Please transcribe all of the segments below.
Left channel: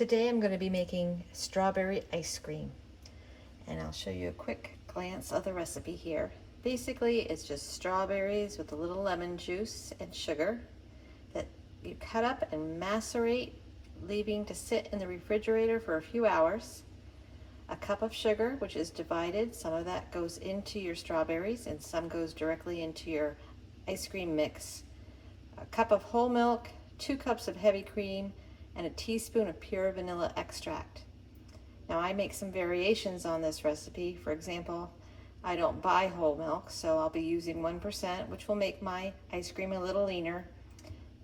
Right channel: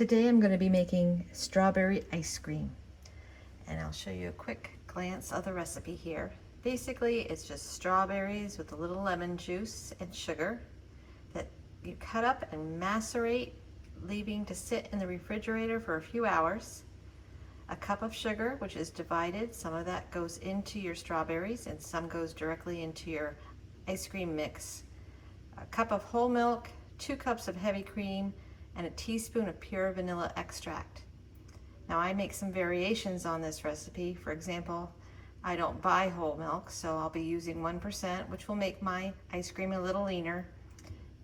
Today I'm going to be making strawberry ice cream, and I'll show you a quick glance of the recipe here. Basically, it's just strawberries with a little lemon juice and sugar that you cut up and macerate, leaving to sit in the refrigerator for a few hours. A cup of sugar, which is divided. Some of that goes into your strawberries and some goes directly into your ice cream mix. A cup of whole milk, 2 cups of heavy cream, and a teaspoon of pure vanilla extract. Now I make some variations on this recipe. For example, I don't buy whole milk, so I'll be using 1%, which will make my ice cream a little leaner.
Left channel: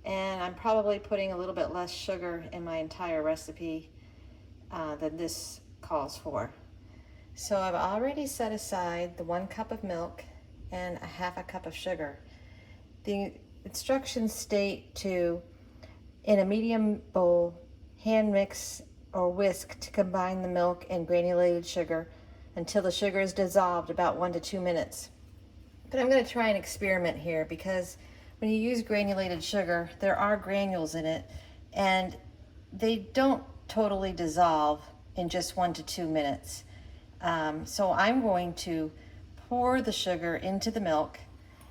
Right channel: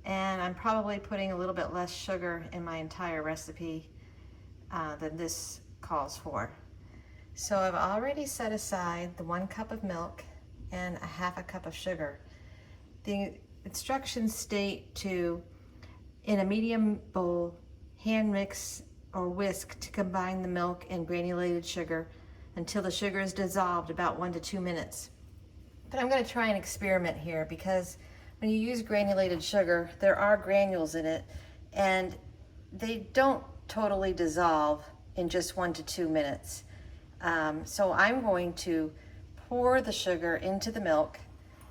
And I'm probably putting a little bit less sugar in my entire recipe than this calls for. So I've already set aside the 1 cup of milk and a half a cup of sugar. The instructions state to, in a medium bowl, hand mix or whisk to combine the milk and granulated sugar until the sugar is dissolved about 1 to 2 minutes. But I'm going to try an experiment here, because when you use granulated sugar, there are granules in it and they don't totally dissolve in just 1 to 2 minutes. So I'm going to pour the sugar into the milk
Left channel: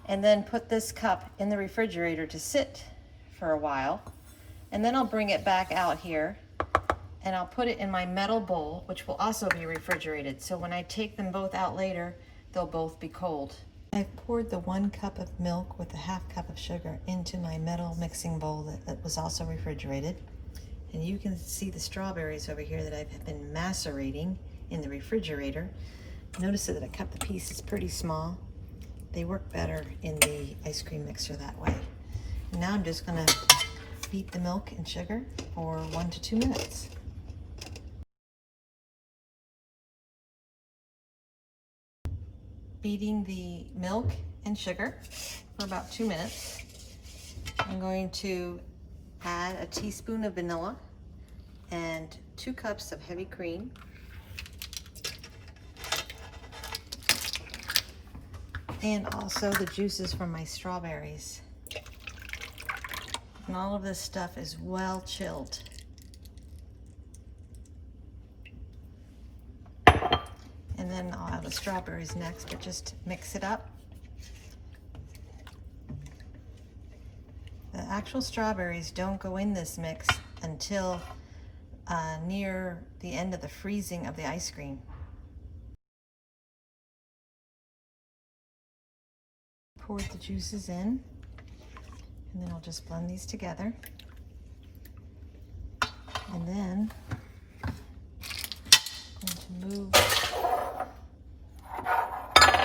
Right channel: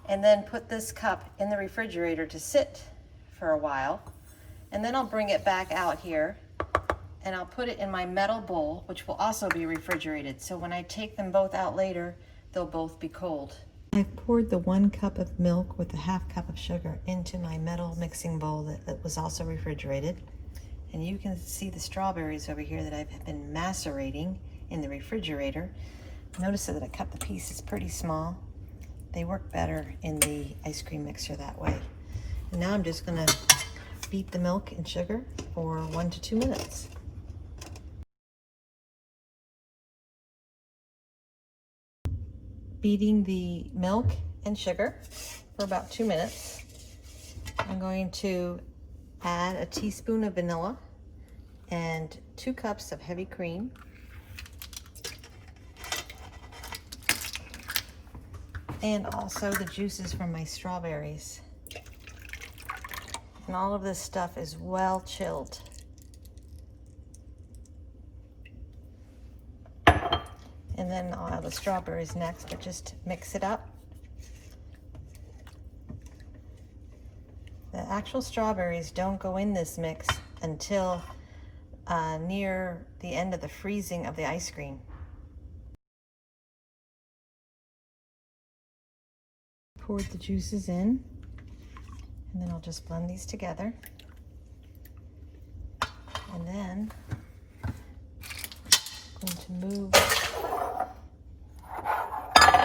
and then put this cup in the refrigerator to sit for a while. And then I'll bring it back out here and I'll put it in my metal bowl, which will also be refrigerated. So when I take them both out later, they'll both be cold. I've poured the 1 cup of milk with a half cup of sugar into my metal mixing bowl that was also refrigerated. And you can see the strawberries over here that I've been macerating in the refrigerator. Notice that I cut the pieces pretty small. They work better in the ice cream mixer that way. And now I'm just gonna beat the milk and sugar for 1 to 2 minutes. Beating the milk and sugar for about 2 minutes. I'm going to add a teaspoon of vanilla and 2 cups of heavy cream. And also the juices from my strawberries. And all of this stuff is well chilled. And then I'll add the strawberries next, but just mix it up. The actual strawberries don't go in this mix until near the end of the freezing of the ice cream. Poured the juices in, and then I'll just blend these together. And then I'm going to move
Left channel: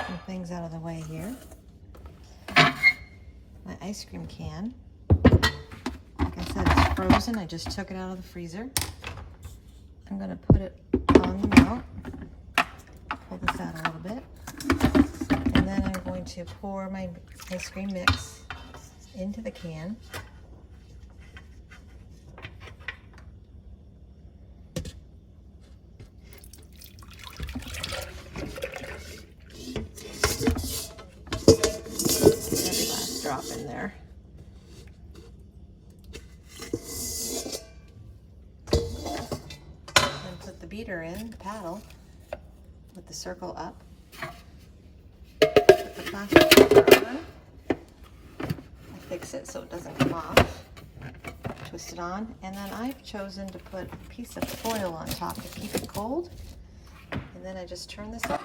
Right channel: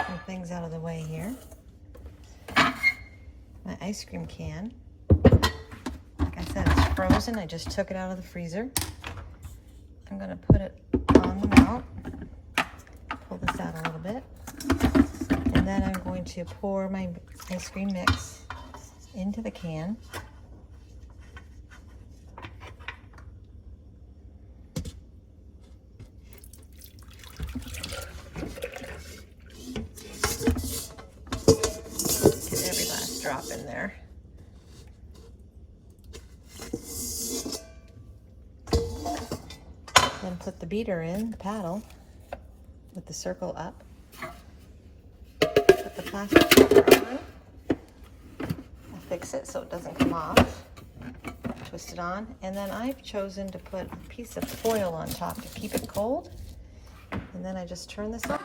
some things out of the way here. My ice cream can, like I said, it's frozen. I just took it out of the freezer. I'm going to put it on the mount, pull this out a little bit, and then I'm going to pour my ice cream mix into the can. Get every last drop in there. Then put the beater in, the paddle, with the circle up. Put the plastic cover on. Fix it so it doesn't come off. Twist it on, and then I've chosen to put a piece of foil on top to keep it cold. And then I just turn this up.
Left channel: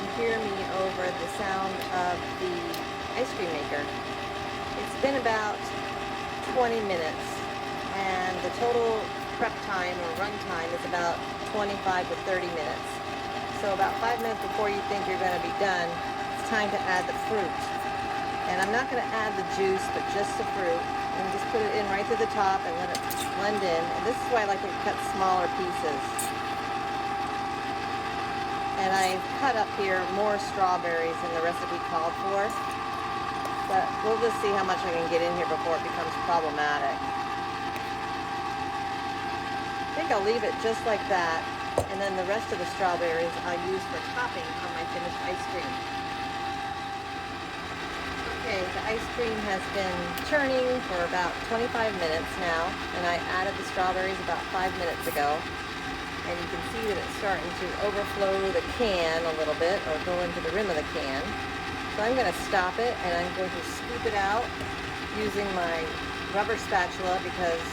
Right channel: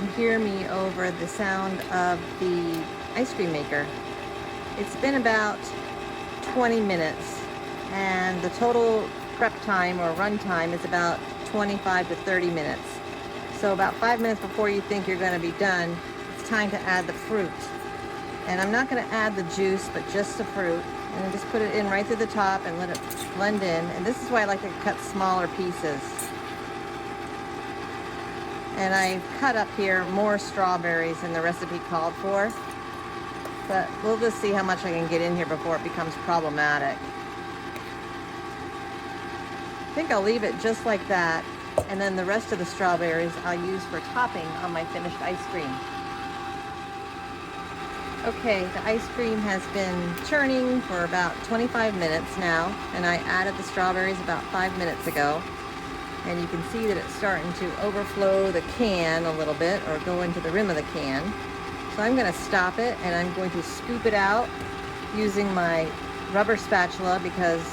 You hear me over the sound of the ice cream maker. It's been about 20 minutes, and the total prep time or run time is about 25 to 30 minutes. So about 5 minutes before you think you're going to be done, it's time to add the fruit. And I'm not going to add the juice, but just the fruit. And just put it in right through the top and let it blend in. And this is why I like to cut smaller pieces. And I've cut up here more strawberries than the recipe called for. But we'll just see how much I can get in here before it becomes problematic. I think I'll leave it just like that. And then the rest of the strawberries I use for topping on my finished ice cream. Okay, the ice cream has been churning for about 25 minutes now, and I added the strawberries about 5 minutes ago. And you can see that it's starting to overflow the can a little bit, or go into the rim of the can. So I'm going to stop it, and I'm going to scoop it out using my rubber spatula because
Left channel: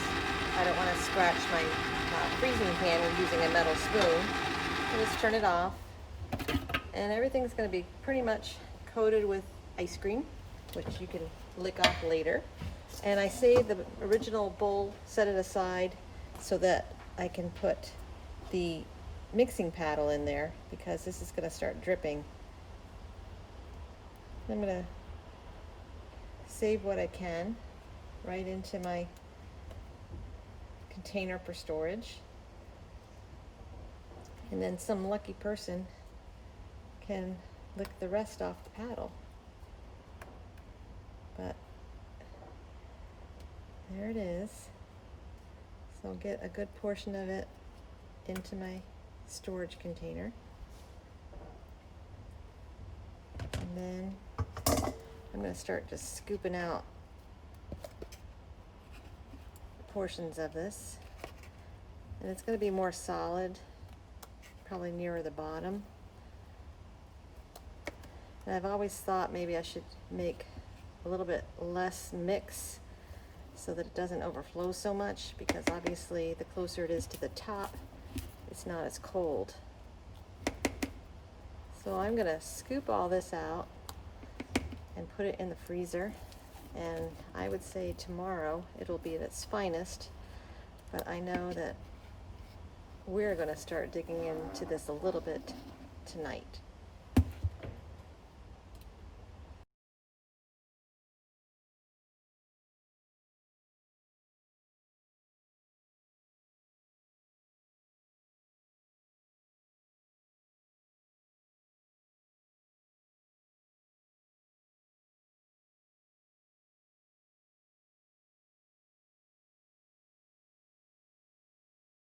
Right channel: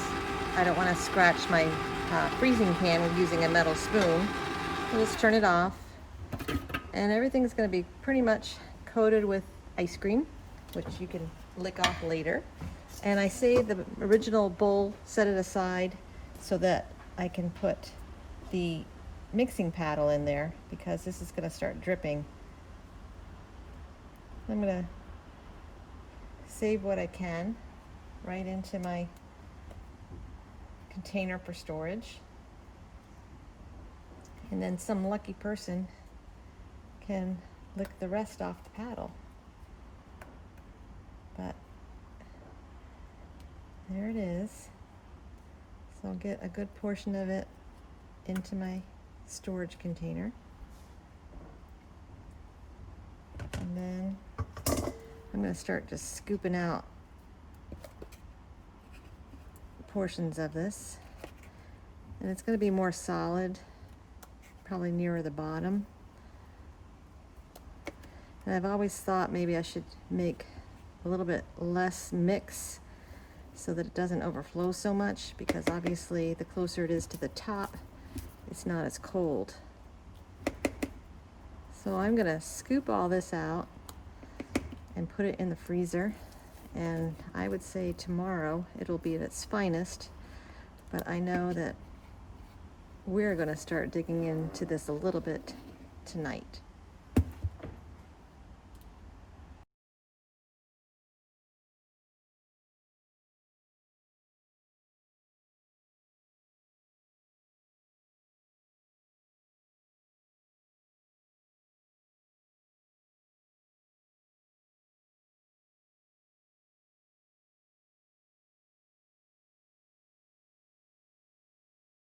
I don't want to scratch my freezing pan with using a metal spoon. Just turn it off, and everything's going to be pretty much coated with ice cream, which you can lick off later. And I saved the original bowl, set it aside so that I can put the mixing paddle in there because this is going to start dripping. I'm going to save what I can right into my container for storage, and then some lucky person can lick the rest off the paddle. But there it is. So I'll get a good portion of it into my storage container, and then I'm going to start just scooping out portions of this, and it's going to be more solid, probably nearer the bottom. And I've always thought maybe I should make a little bit less mix so that it doesn't overflow so much, because obviously the closer it is to the top, it's not as cold. So I'm going to scoop all this out and put it in the freezer, and I would say tomorrow it'll be at its finest, but I know that we're going to start digging into this a little bit tonight.